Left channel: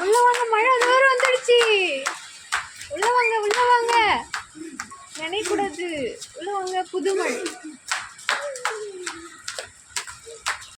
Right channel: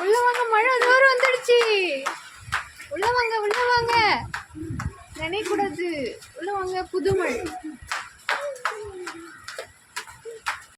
உள்ள வாங்க, மழை தூரம் வந்துடுச்சு. உள்ள வாங்க நினைக்கூடாது. உள்ள வாங்க, புது மழை.